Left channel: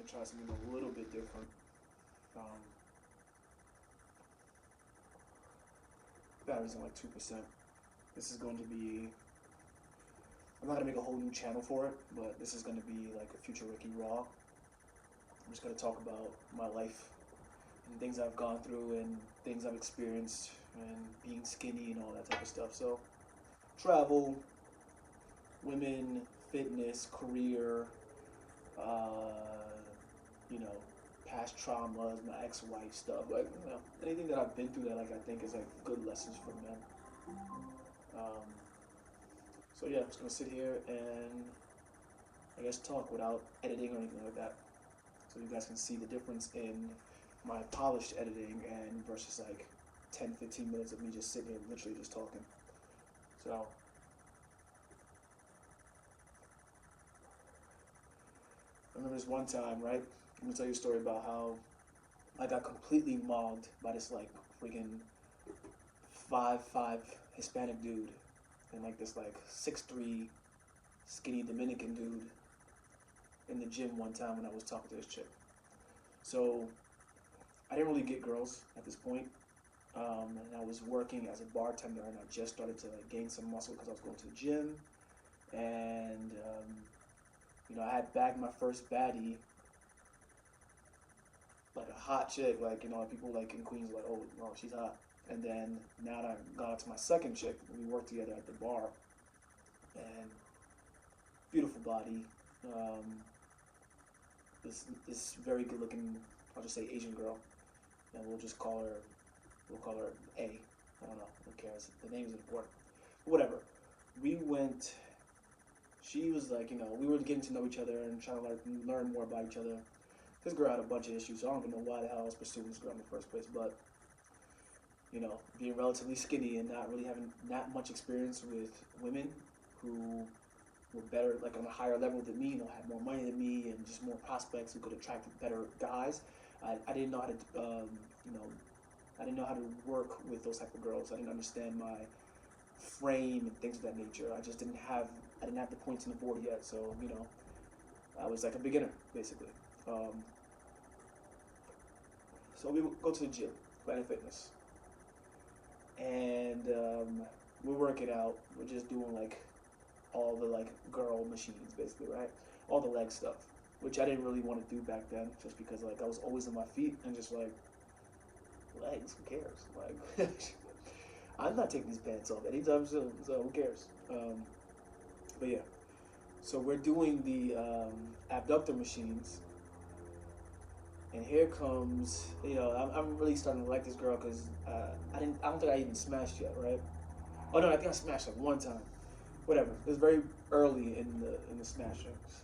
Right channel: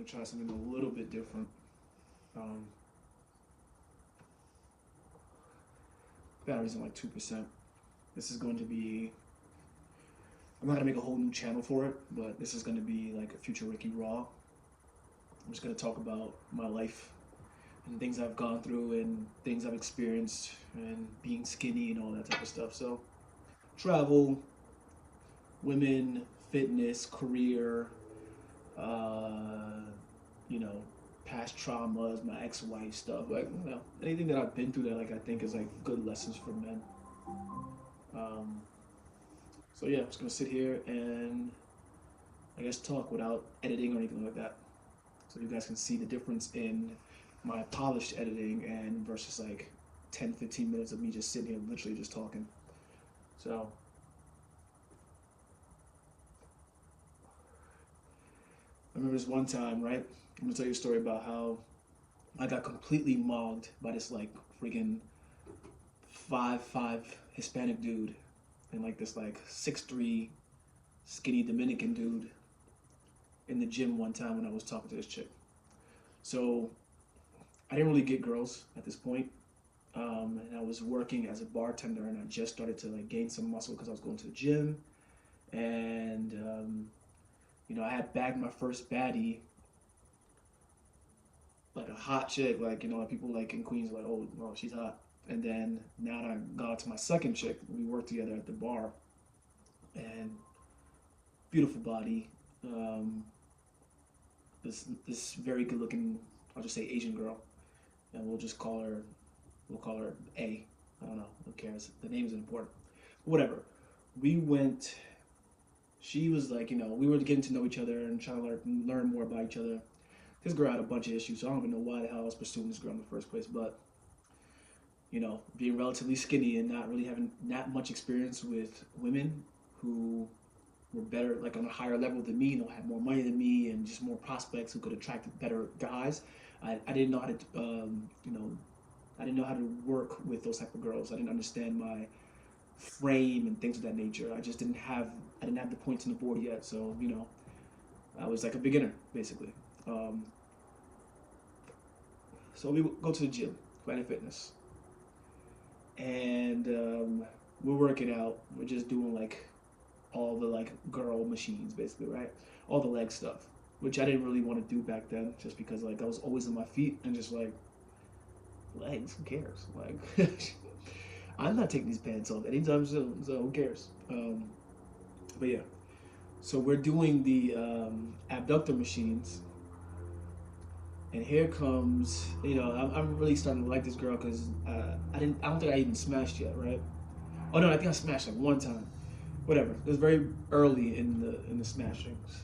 gonna try something a little bit different. Um, Battery's on like 2%. This is going to be. I'm not gonna make a whole new channel for it, but this is gonna be like a future Ricky Raw. I'm just gonna talk about my life and things I've gone through and things I've experienced and being skinny and all that type of stuff. So travel, women, fitness, career, uh, you know, past traumas, my ex-wife stuff, like anything that I've been through that like I think is like good lessons for men. Um, so yeah, I'm just gonna sit here and I guess talk without editing or anything like that, so you guys can see the difference in my polished editing and versus like 10, 15 minutes of me just sitting here literally just talking. So I remember this one time, right? I'm gonna tell you a story about how I got completely mogged by this like freaking 5'5" Hispanic dude and like this like 6'3" skinny Dominican dude in the gym one time when I was talking to this chick. So I didn't really get girls at this point. And I was working as a bartender, and I just started to like gain some muscle because I was going to the gym, and I had bagged my first baddie, like a hot chick, like people like in Queens like, oh no, she's hot. And then now that I got to my second chick, we worked together at the bar, and beautiful body, um, this very good looking, I'll just say Asian girl, and we'll call her A. I don't know, who cares? The name is important. But whatever. We went. She was like, we were getting to know each other and trying to learn more about each other. This girl had a bunch of issues, so I don't even know why the hell I was pursuing this girl in the first place. But being relatively skinny and not really having that much experience with women who were better, like on a higher level than me, had more money than me, and just more prospects who could attract better guys. I didn't know how to, I didn't know how to work with those type of girls. I didn't understand my frame and things of that nature. I didn't have the points on the board yet, so I was like a beginner basically. Um, so we go to the gym, Planet Fitness, and we're working out. We're just doing like all the like girl machines basically, right? All the leg stuff, which I didn't really want to do back then, just because like I was always on my feet and just like legs. Who cares? Like I'm not taking these pants off anytime soon, so who cares? But yeah, so we're doing the abductor machines, and here comes I'm really starting to like this girl because I don't think I even smashed yet, right? Oh no, I think I smashed like one time. Whatever. It was very early in the smashings,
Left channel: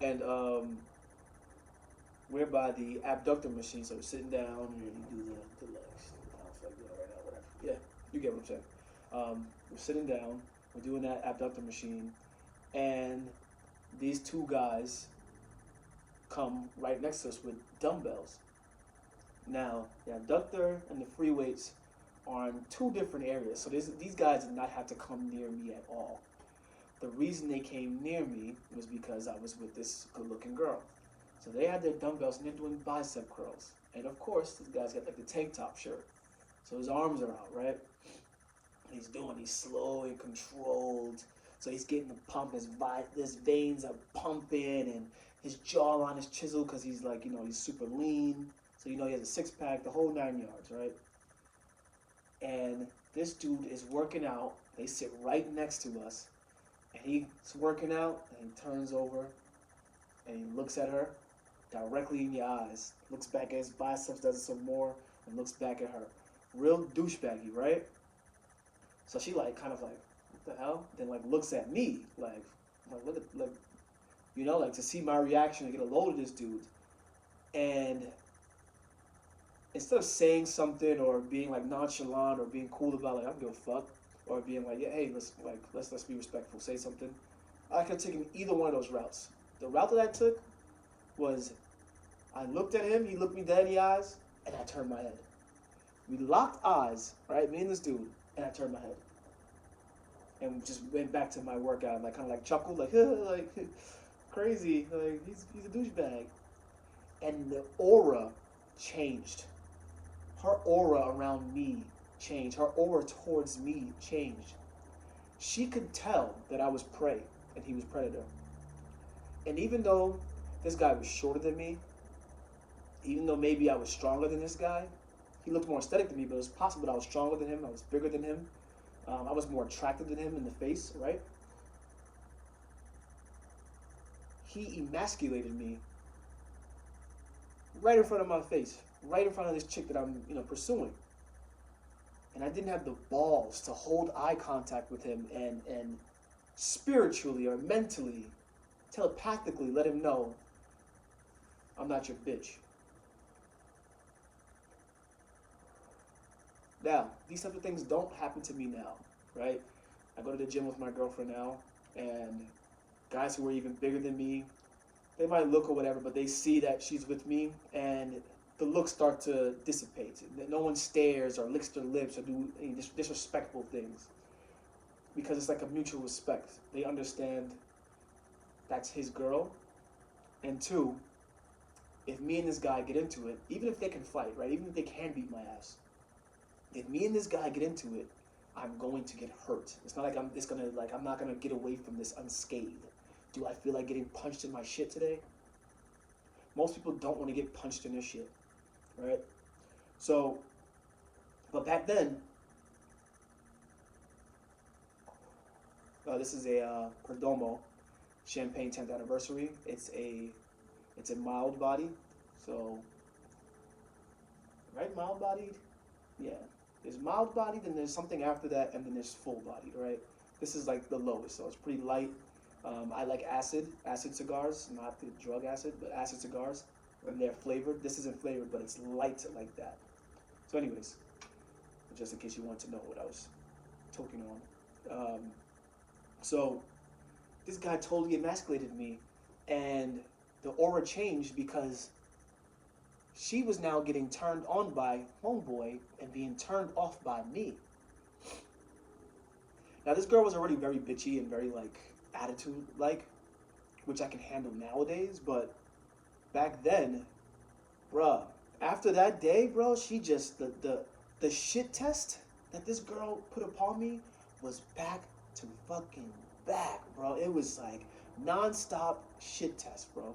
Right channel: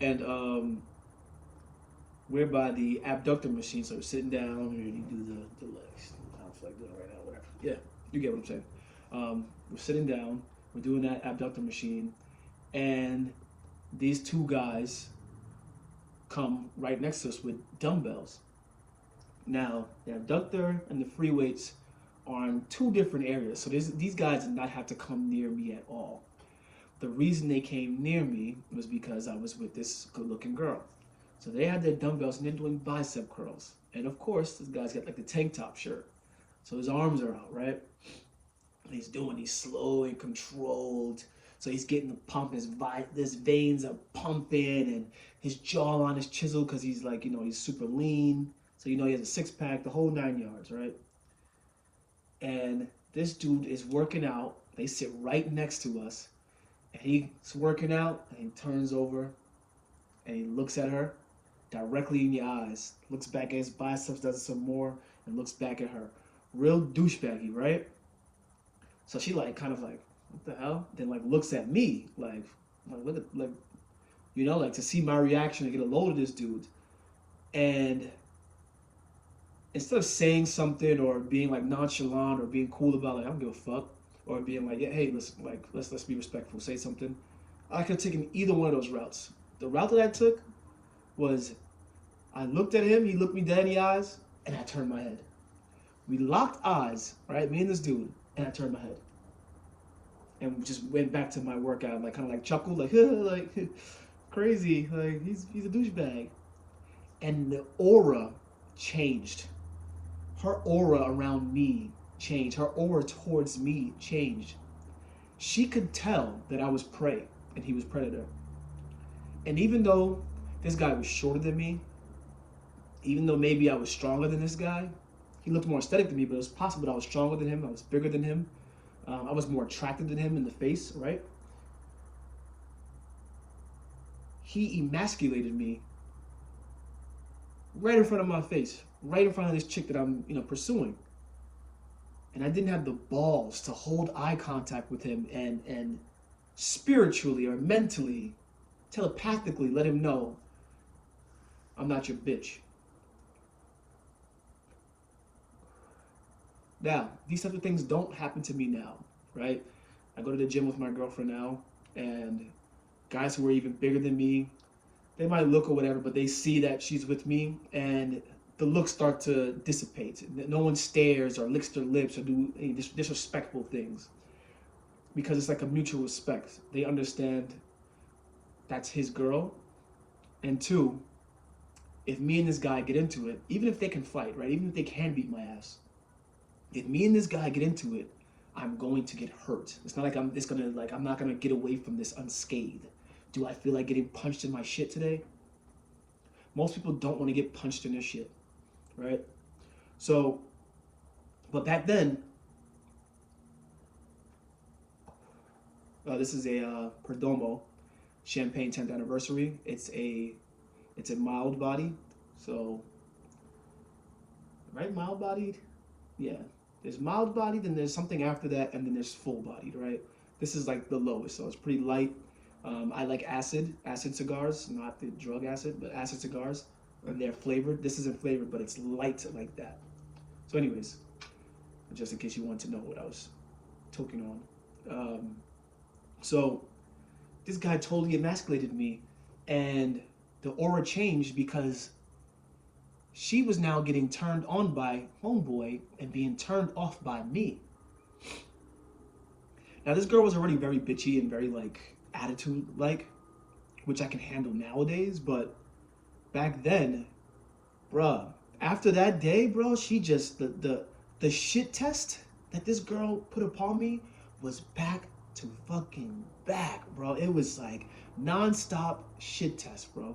and we're by the abductor machine, so we're sitting down. You do the legs. I don't feel like doing it right now. Whatever. Yeah, you get what I'm saying. We're sitting down. We're doing that abductor machine, and these two guys come right next to us with dumbbells. Now, the abductor and the free weights are in two different areas, so these guys did not have to come near me at all. The reason they came near me was because I was with this good-looking girl. So they had their dumbbells and they're doing bicep curls. And of course, this guy's got like the tank top shirt. So his arms are out, right? And he's slow and controlled. So he's getting the pump, his veins are pumping, and his jawline is chiseled because he's like, he's super lean. So he has a six pack, the whole 9 yards, right? And this dude is working out. They sit right next to us. And he's working out, and he turns over, and he looks at her directly in the eyes, looks back at his biceps, does it some more, and looks back at her. Real douchebaggy, right? So she like kind of like, what the hell? Then like looks at me like look at like to see my reaction to get a load of this dude. And instead of saying something or being like nonchalant or being cool about like I don't give a fuck, or being like, yeah, hey, let's be respectful, say something. I could have taken either one of those routes. The route that I took was I looked at him, he looked me dead in the eyes, and I turned my head. We locked eyes, right? Me and this dude, and I turned my head. And just went back to my workout, like kind of like chuckled, like like crazy. Like he's a douchebag. And the aura changed. Her aura around me changed. Her aura towards me changed. She could tell that I was prey and he was predator. And even though this guy was shorter than me, even though maybe I was stronger than this guy, he looked more aesthetic than me, but it was possible that I was stronger than him, I was bigger than him, I was more attractive than him in the face, right? He emasculated me right in front of my face, right in front of this chick that I'm, pursuing. And I didn't have the balls to hold eye contact with him and spiritually or mentally, telepathically let him know I'm not your bitch. Now, these type of things don't happen to me now, right? I go to the gym with my girlfriend now, and guys who are even bigger than me, they might look or whatever, but they see that she's with me, and the looks start to dissipate. No one stares or licks their lips or do any disrespectful things because it's like a mutual respect. They understand that's his girl, and two, if me and this guy get into it, even if they can fight, right? Even if they can beat my ass, if me and this guy get into it, I'm going to get hurt. It's not like I'm not gonna get away from this unscathed. Do I feel like getting punched in my shit today? Most people don't want to get punched in their shit, right? So, but back then, this is a Perdomo Champagne 10th anniversary. It's a mild body, so right, mild bodied, yeah. There's mild bodied, then there's something after that, and then there's full bodied, right? This is like the lowest, so it's pretty light. I like acid cigars, not the drug acid, but acid cigars, and they're flavored. This isn't flavored, but it's light like that. So, anyways, just in case you want to know what I was talking on. So, this guy totally emasculated me, and the aura changed because she was now getting turned on by homeboy and being turned off by me. Now, this girl was already very bitchy and very like attitude like, which I can handle nowadays, but back then, bruh, after that day, bro, she just the shit test that this girl put upon me was back to fucking back, bro. It was like non-stop shit test, bro.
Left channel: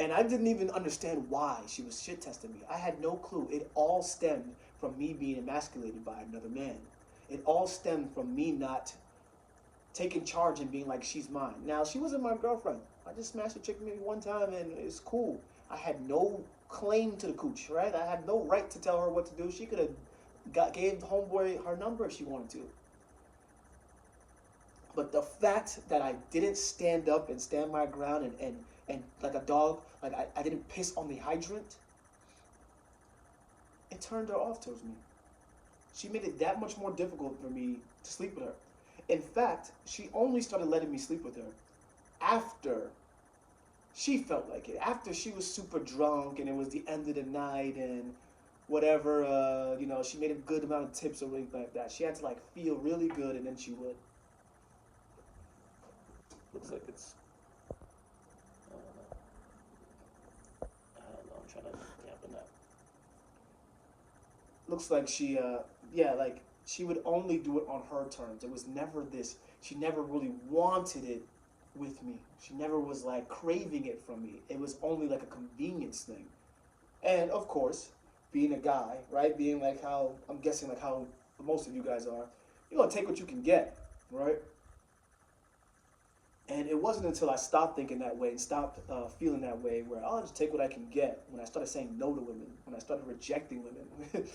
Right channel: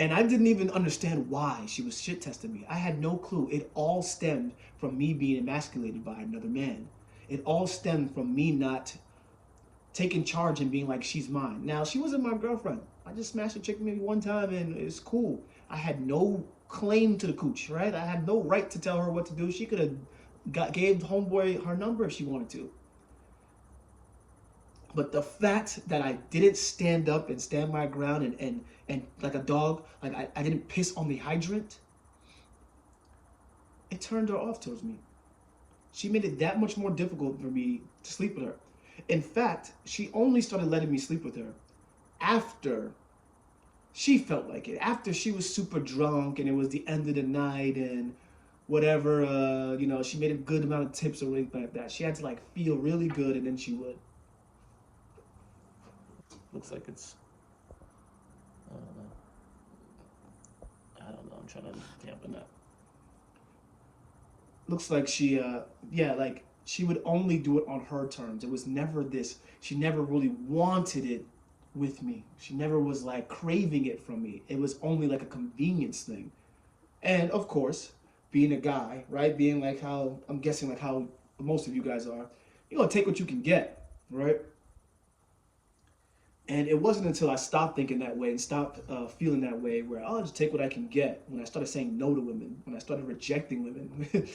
And I didn't even understand why she was shit testing me. I had no clue. It all stemmed from me being emasculated by another man. It all stemmed from me not taking charge and being like, she's mine. Now, she wasn't my girlfriend. I just smashed a chick maybe one time and it's cool. I had no claim to the cooch, right? I had no right to tell her what to do. She could have gave homeboy her number if she wanted to. But the fact that I didn't stand up and stand my ground and like a dog, like I didn't piss on the hydrant, it turned her off towards me. She made it that much more difficult for me to sleep with her. In fact, she only started letting me sleep with her after she felt like it. After she was super drunk and it was the end of the night and whatever, she made a good amount of tips or anything like that. She had to like feel really good and then she would. Looks like it's, I don't know. I'm trying to dampen that. Looks like she, like she would only do it on her terms. It was never this. She never really wanted it with me. She never was like craving it from me. It was only like a convenience thing. And of course, being a guy, right? Being like how I'm guessing like how most of you guys are, you're gonna take what you can get, right? And it wasn't until I stopped thinking that way and stopped feeling that way where I'll just take what I can get. When I started saying no to women, when I started rejecting women,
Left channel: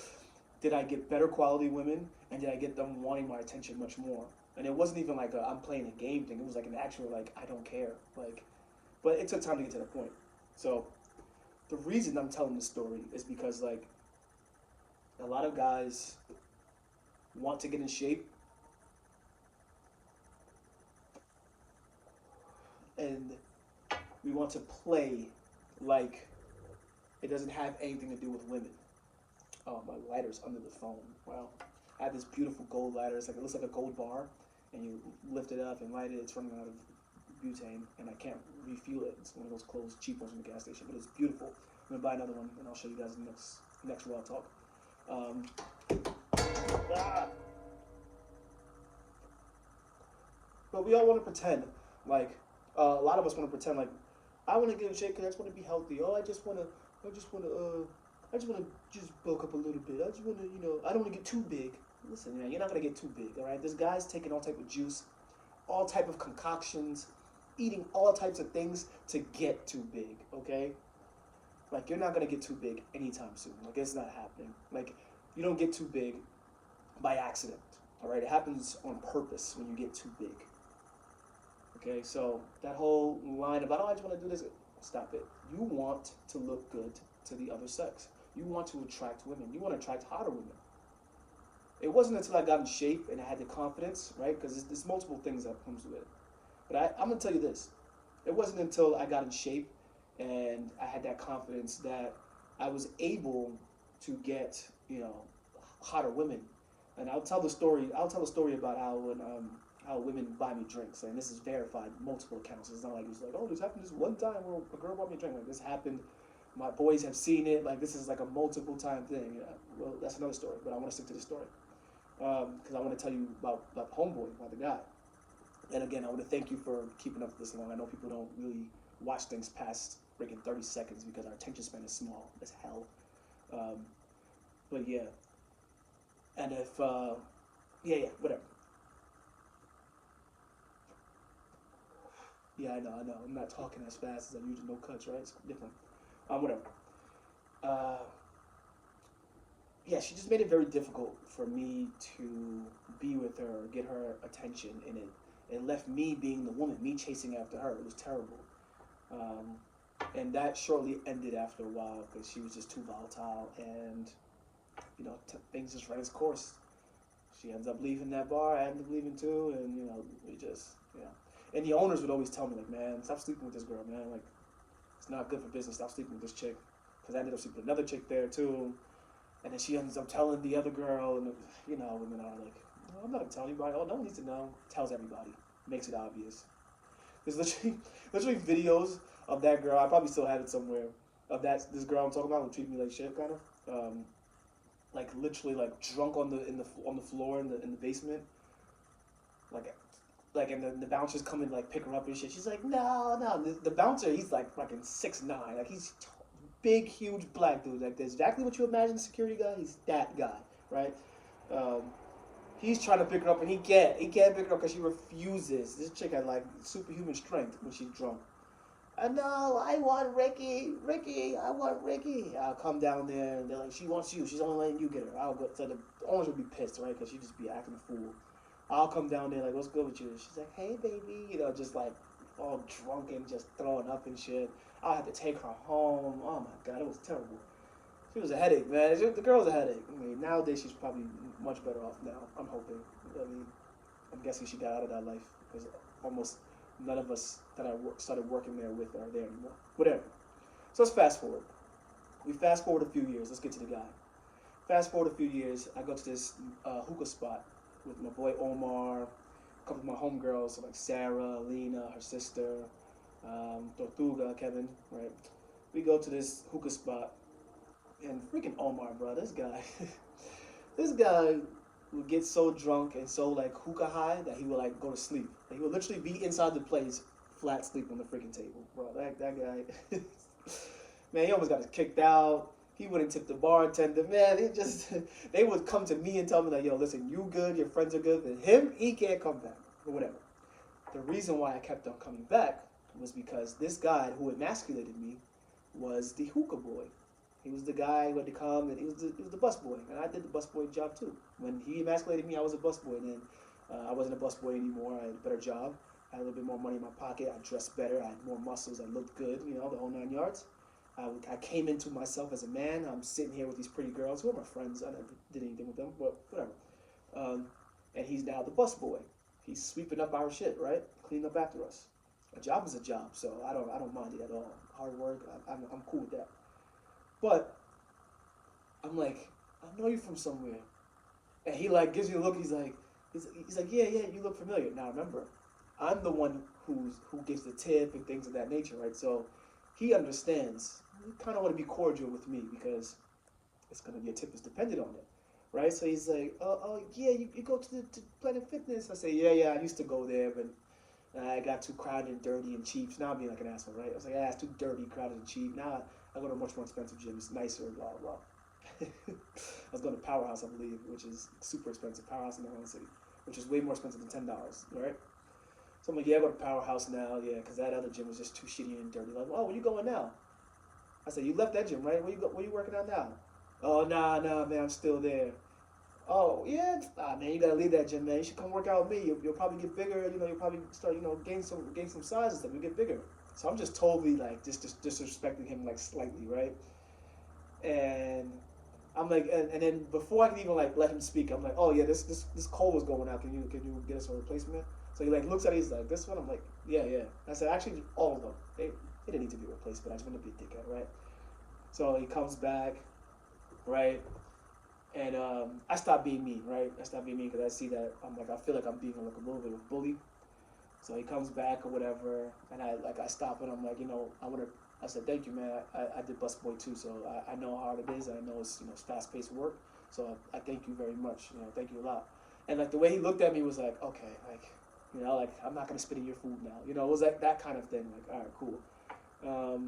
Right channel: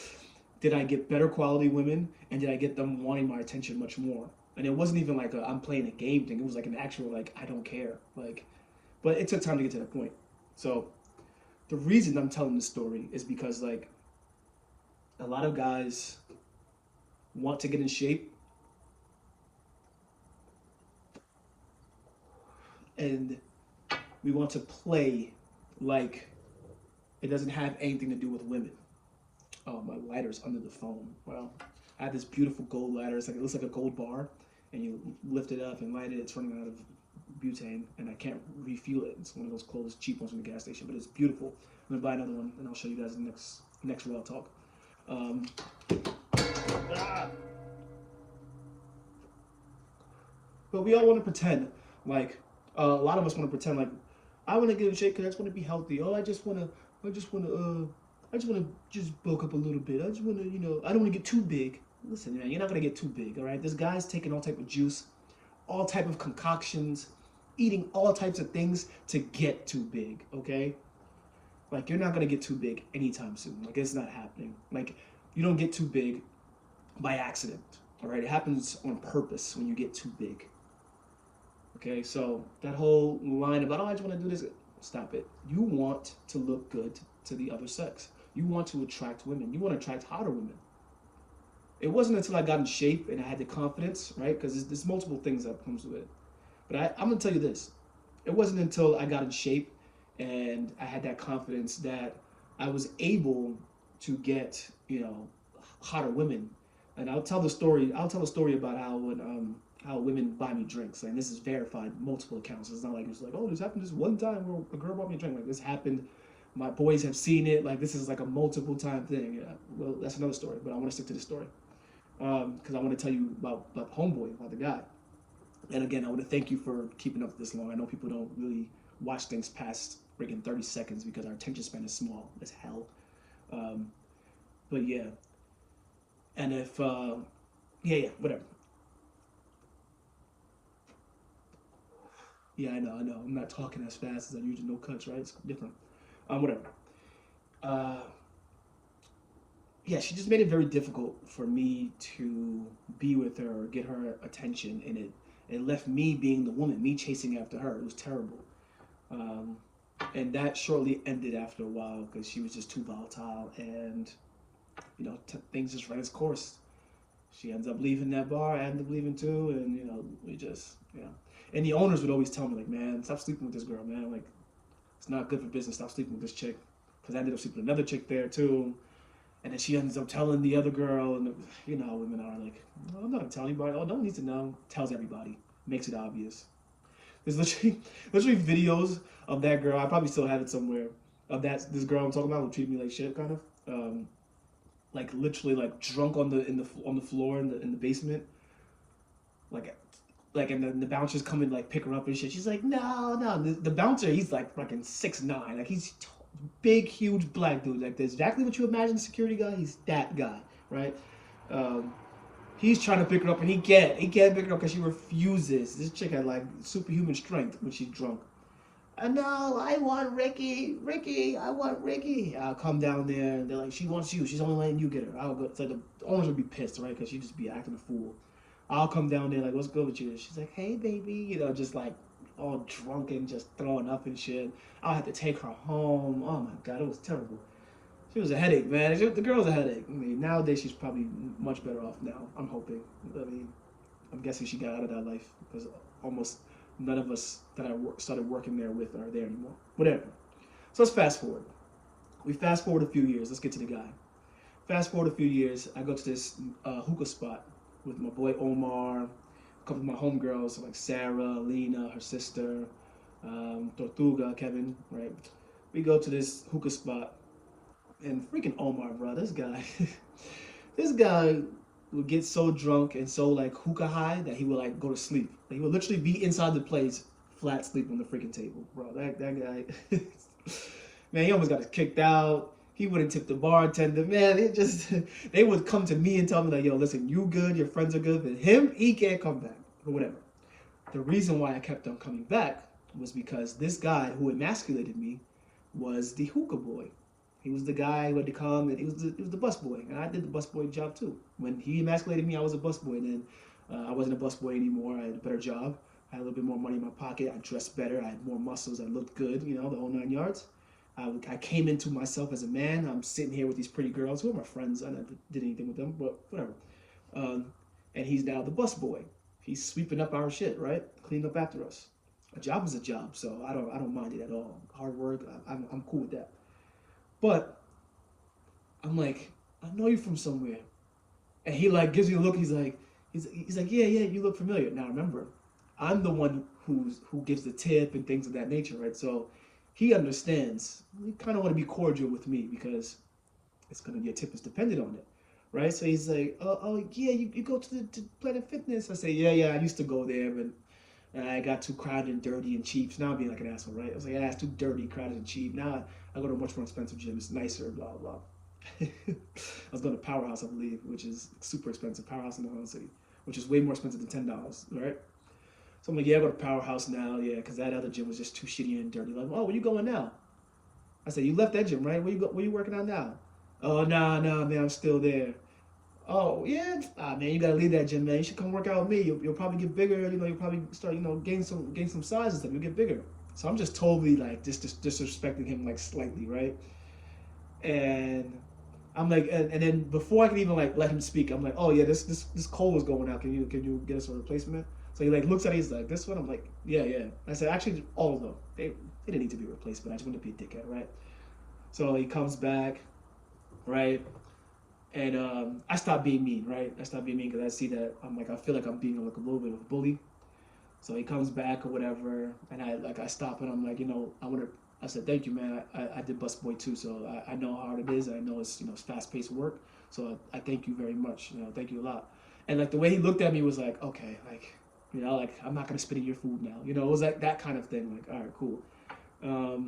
did I get better quality women and did I get them wanting my attention much more? And it wasn't even like I'm playing a game thing. It was like an actual like I don't care. Like, but it took time to get to that point. So the reason I'm telling this story is because like a lot of guys want to get in shape and we want to play like it doesn't have anything to do with women. Oh, my lighter's under the phone. Well, I have this beautiful gold lighter. It looks like a gold bar, and you lift it up and light it. It's running out of butane, and I can't refuel it. It's one of those closed cheap ones from the gas station, but it's beautiful. I'm gonna buy another one, and I'll show you guys in the next raw talk. Um, ah. But we all want to pretend like a lot of us want to pretend like I want to get in shape because I just want to be healthy. Oh, I just want to, I just want to just bulk up a little bit. I just want to, I don't want to get too big. Listen, man, you're not gonna get too big, all right? This guy's taking all type of juice, all type of concoctions, eating all types of things to get too big, okay? Like you're not gonna get too big anytime soon. Like it's not happening. Like you don't get too big by accident, all right? It happens on purpose when you get too big. Okay, so that whole line about, oh, I just want to do this, stop it. You want to look good to the other sex. You want to attract women. You want to attract hotter women. It wasn't until I got in shape and I had the confidence, right? Because there's multiple things that comes with it. But I'm going to tell you this. It wasn't until I got in shape and I had that confidence that I was able to get, hotter women. And I'll tell a story about how women buy me drinks, and this is verified multiple accounts. It's not like it's like, oh, this happened just one time where a girl bought me a drink. Like this happened. My boys have seen it. Like this is like a multiple time thing. Yeah. Well, that's another story, but I want to stick to the story because I want to tell you about homeboy, about the guy. And again, I want to thank you for keeping up this long. I know people don't really watch things past freaking 30 seconds because our attention span is small as hell. But yeah, and if whatever. Yeah, I know. I'm not talking as fast as I usually. No cuts, right? It's different. Whatever. Uh, yeah, she just made it very difficult for me to be with her, or get her attention, and it left me being the woman, me chasing after her. It was terrible. Um, and that shortly ended after a while because she was just too volatile, and things just ran its course. She ends up leaving that bar. I end up leaving too, and we just And the owners would always tell me like, man, stop sleeping with this girl, man. Like, it's not good for business. Stop sleeping with this chick. Because I ended up sleeping with another chick there too, and then she ends up telling the other girl, and women are like, I'm not gonna tell anybody. Oh, no one needs to know. Tells everybody. Makes it obvious. There's literally videos of that girl. I probably still have it somewhere. Of this girl I'm talking about who treated me like shit, kind of. Like literally like drunk on the floor in the basement, and the bouncers come and like pick her up and shit. She's like, no. The bouncer, he's like fucking 6'9", like he's big, huge black dude. Like that's exactly what you imagine the security guy. He's that guy, right? He's trying to pick her up and he can't pick her up because she refuses. This chick had like superhuman strength when she's drunk. No, I want Ricky. I want Ricky. I'll come down there and they're like, she wants you. She's only letting you get her. I'll go. So the owners would be pissed, right? Because she'd just be acting a fool. I'll come down there like, what's good with you? She's like, hey, baby. Just like all drunk and just throwing up and shit. I'll have to take her home. Oh, my God. It was terrible. She was a headache, man. The girl's a headache. I mean, nowadays she's probably much better off now. I'm hoping. I'm guessing she got out of that life because almost none of us that I started working there with are there anymore. Whatever. So let's fast forward. We fast forward a few years. Let's get to the guy. Fast forward a few years. I go to this hookah spot with my boy Omar, a couple of my homegirls like Sarah, Lena, her sister, Tortuga, Kevin, right? We go to this hookah spot, and freaking Omar, bro, this guy would get so drunk and so like hookah high that he would like go to sleep. He would literally be inside the place, flat sleep on the freaking table, bro. That guy, man, he almost got us kicked out. He wouldn't tip the bartender, man. They would come to me and tell me like, yo, listen, you good, your friends are good, but him, he can't come back or whatever. The reason why I kept on coming back was because this guy who emasculated me was the hookah boy. He was the guy who had to come, and he was the bus boy, and I did the bus boy job too. When he emasculated me, I was a bus boy. Then I wasn't a bus boy anymore. I had a better job. I had a little bit more money in my pocket. I dressed better. I had more muscles. I looked good. The whole 9 yards. I came into myself as a man. I'm sitting here with these pretty girls who are my friends. I never did anything with them, but whatever. And he's now the bus boy. He's sweeping up our shit, right? Cleaning up after us. A job is a job, so I don't mind it at all. Hard work. I'm cool with that. But I'm like, I know you from somewhere. And he like gives me a look. He's like, yeah, you look familiar. Now remember, I'm the one who gives the tip and things of that nature, right? So he understands. You kind of want to be cordial with me because it's gonna your tip is dependent on it, right? So he's like, oh yeah, you go to Planet Fitness. I say, yeah, I used to go there, but I got too crowded and dirty and cheap. So now I'm being like an asshole, right? I was like, yeah, it's too dirty, crowded, and cheap. Now I go to a much more expensive gym. It's nicer, blah blah. I was going to Powerhouse, I believe, which is super expensive. Powerhouse in Atlantic City, which is way more expensive than $10, right? So I'm like, yeah, I go to Powerhouse now, yeah, because that other gym was just too shitty and dirty. Like, oh, where you going now? I said, you left that gym, right? Where you working on now? Oh, nah, man, I'm still there. Oh, yeah, man, you gotta leave that gym, man. You should come work out with me. You'll probably get bigger. You'll probably start, gain some size and stuff. You'll get bigger. So I'm just totally like just disrespecting him like slightly, right? And I'm like, and then before I can even like let him speak, I'm like, oh yeah, this coal is going out. Can you get us a replacement? So he like looks at it, he's like, this one? I'm like, yeah. I said, actually, all of them. They didn't need to be replaced, but I just wanted to be a dickhead, right? So he comes back, right? And I stopped being mean, right? I stopped being mean because I see that I feel like I'm being like a little bit of a bully. So he comes back or whatever, and I stop and I'm like, I said, thank you, man. I did busboy too, so I know how hard it is. I know it's fast paced work. So I thank you very much. Thank you a lot. And like the way he looked at me was like, okay, like I'm not gonna spit in your food now. It was like that kind of thing. Like, all right, cool.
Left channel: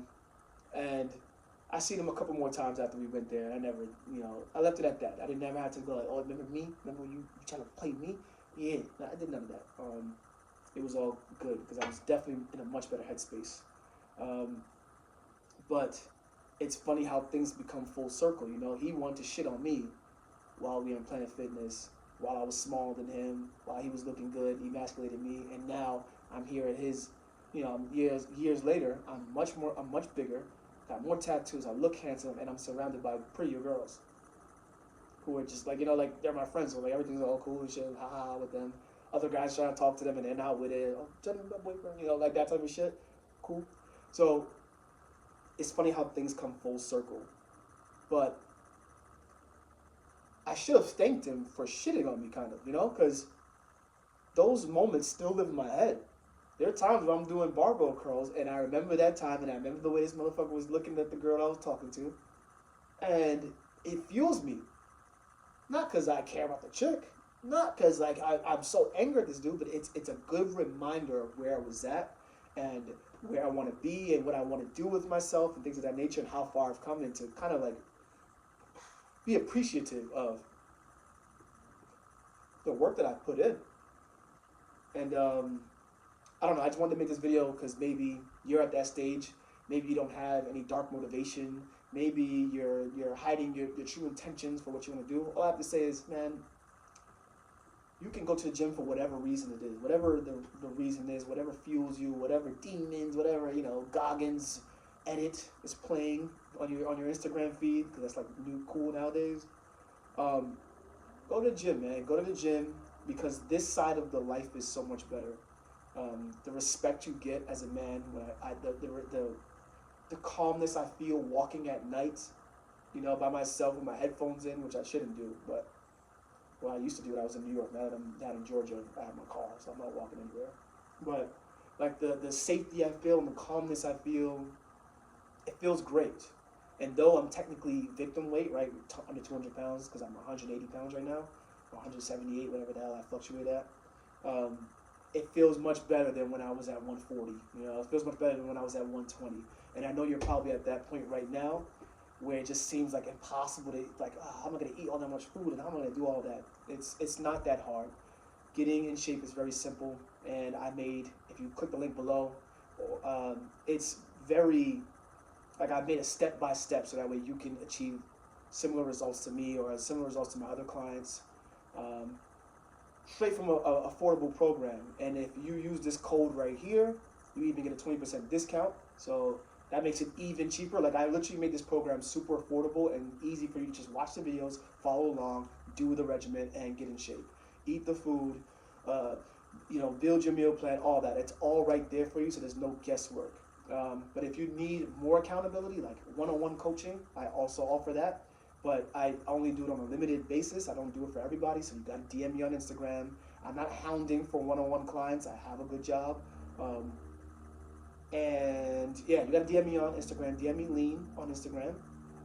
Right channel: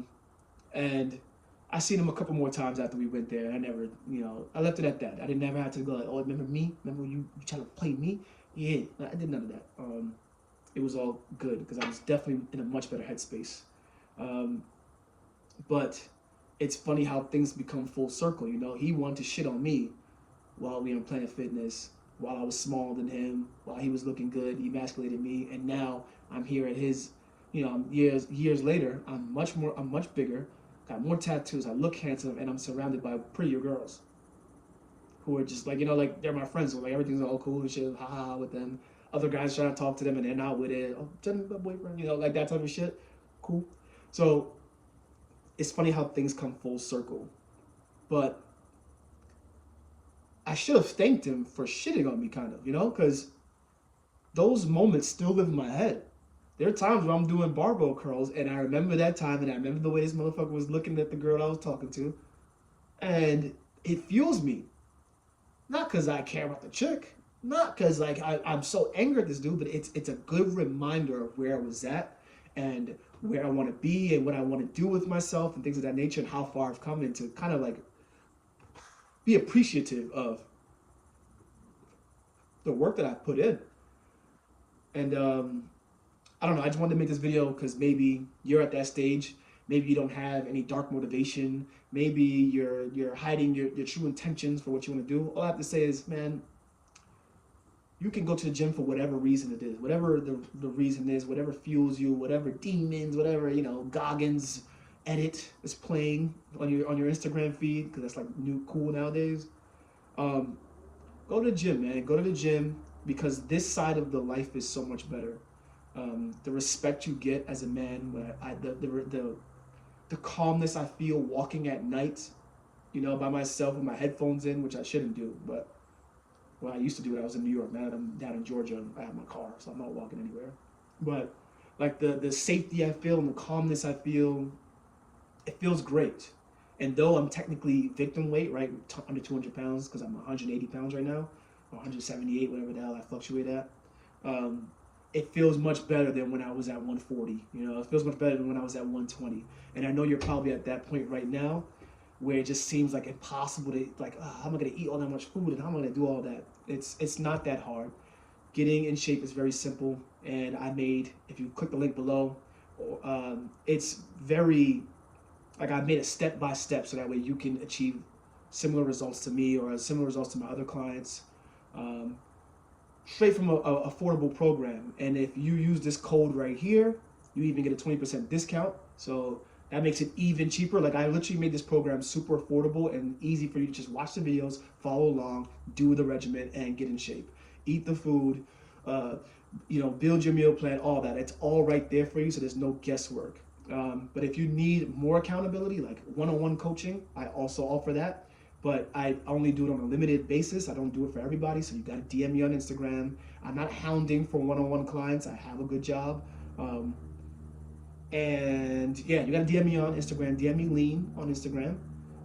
And I seen him a couple more times after we went there. And I never, I left it at that. I didn't never have to go like, oh, remember me? Remember you trying to play me? Yeah, I did none of that. It was all good because I was definitely in a much better headspace. But it's funny how things become full circle. He wanted to shit on me while we were on Planet Fitness, while I was smaller than him, while he was looking good, he emasculated me, and now I'm here at his, years later, I'm much bigger, got more tattoos, I look handsome, and I'm surrounded by prettier girls who are just like, like they're my friends, so like everything's all cool and shit, ha with them. Other guys trying to talk to them and they're not with it. Oh, tell me about boyfriend, like that type of shit. Cool. So it's funny how things come full circle. But I should have thanked him for shitting on me, kind of, because those moments still live in my head. There are times where I'm doing barbell curls, and I remember that time, and I remember the way this motherfucker was looking at the girl I was talking to, and it fuels me. Not because I care about the chick, not because like I'm so angry at this dude, but it's a good reminder of where I was at, and where I want to be, and what I want to do with myself, and things of that nature, and how far I've come, and to kind of like be appreciative of the work that I put in. And I don't know, I just wanted to make this video because maybe you're at that stage, maybe you don't have any dark motivation, maybe you're hiding your true intentions for what you want to do. All I have to say is, man, you can go to the gym for whatever reason it is, whatever the reason is, whatever fuels you, whatever demons, whatever, Goggins edit is playing on your Instagram feed, because that's like new cool nowadays. Go to the gym, man. Go to the gym, because this side of the life is so much better. The respect you get as a man, the calmness I feel walking at night, by myself with my headphones in, which I shouldn't do, but well, I used to do it. I was in New York. Now that I'm down in Georgia, I have my car, so I'm not walking anywhere. But like the safety I feel and the calmness I feel, it feels great. And though I'm technically victim weight, right, under 200 pounds, because I'm 180 pounds right now, or 178, whatever the hell I fluctuate at, it feels much better than when I was at 140. It feels much better than when I was at 120. And I know you're probably at that point right now, where it just seems like impossible to, like, how am I going to eat all that much food, and how am I going to do all that? It's not that hard. Getting in shape is very simple, and if you click the link below, it's very, like, I made a step-by-step so that way you can achieve similar results to me or similar results to my other clients, straight from a affordable program. And if you use this code right here, you even get a 20% discount. So that makes it even cheaper. Like, I literally made this program super affordable and easy for you to just watch the videos, follow along, do the regimen, and get in shape. Eat the food, build your meal plan, all that. It's all right there for you, so there's no guesswork. But if you need more accountability, like one-on-one coaching, I also offer that. But I only do it on a limited basis. I don't do it for everybody, so you got to DM me on Instagram. I'm not hounding for one-on-one clients. I have a good job. Um, and yeah, you got to DM me on Instagram. DM me lean on Instagram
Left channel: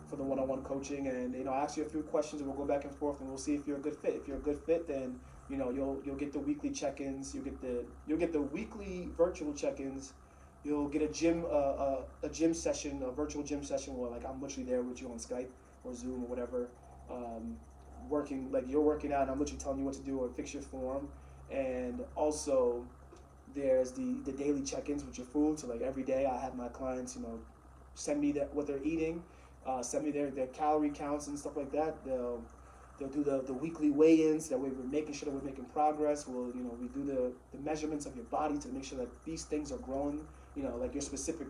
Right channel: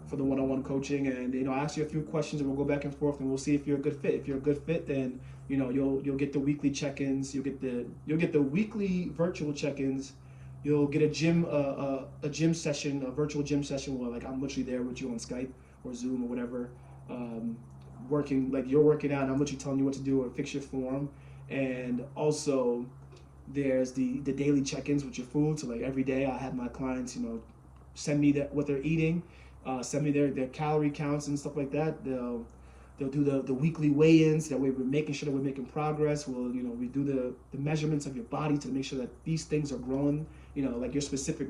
for the one-on-one coaching, and I ask you a few questions, and we'll go back and forth, and we'll see if you're a good fit. If you're a good fit, then you'll get the weekly check-ins. You'll get the weekly virtual check-ins. You'll get a gym session, a virtual gym session where like I'm literally there with you on Skype or Zoom or whatever, um, working like you're working out, and I'm literally telling you what to do or fix your form, and also there's the daily check-ins with your food. So like every day I have my clients, send me what they're eating, send me their calorie counts and stuff like that. They'll do the weekly weigh-ins. That way we're making sure that we're making progress. We do the measurements of your body to make sure that these things are growing, like your specific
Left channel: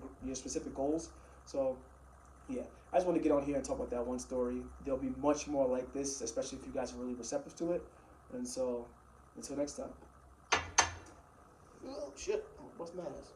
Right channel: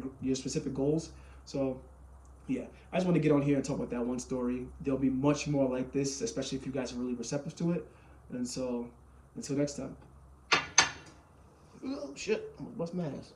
goals. So yeah, I just want to get on here and talk about that one story. There'll be much more like this, especially if you guys are really receptive to it. And so until next time. Oh shit, I'm gonna bust my ass.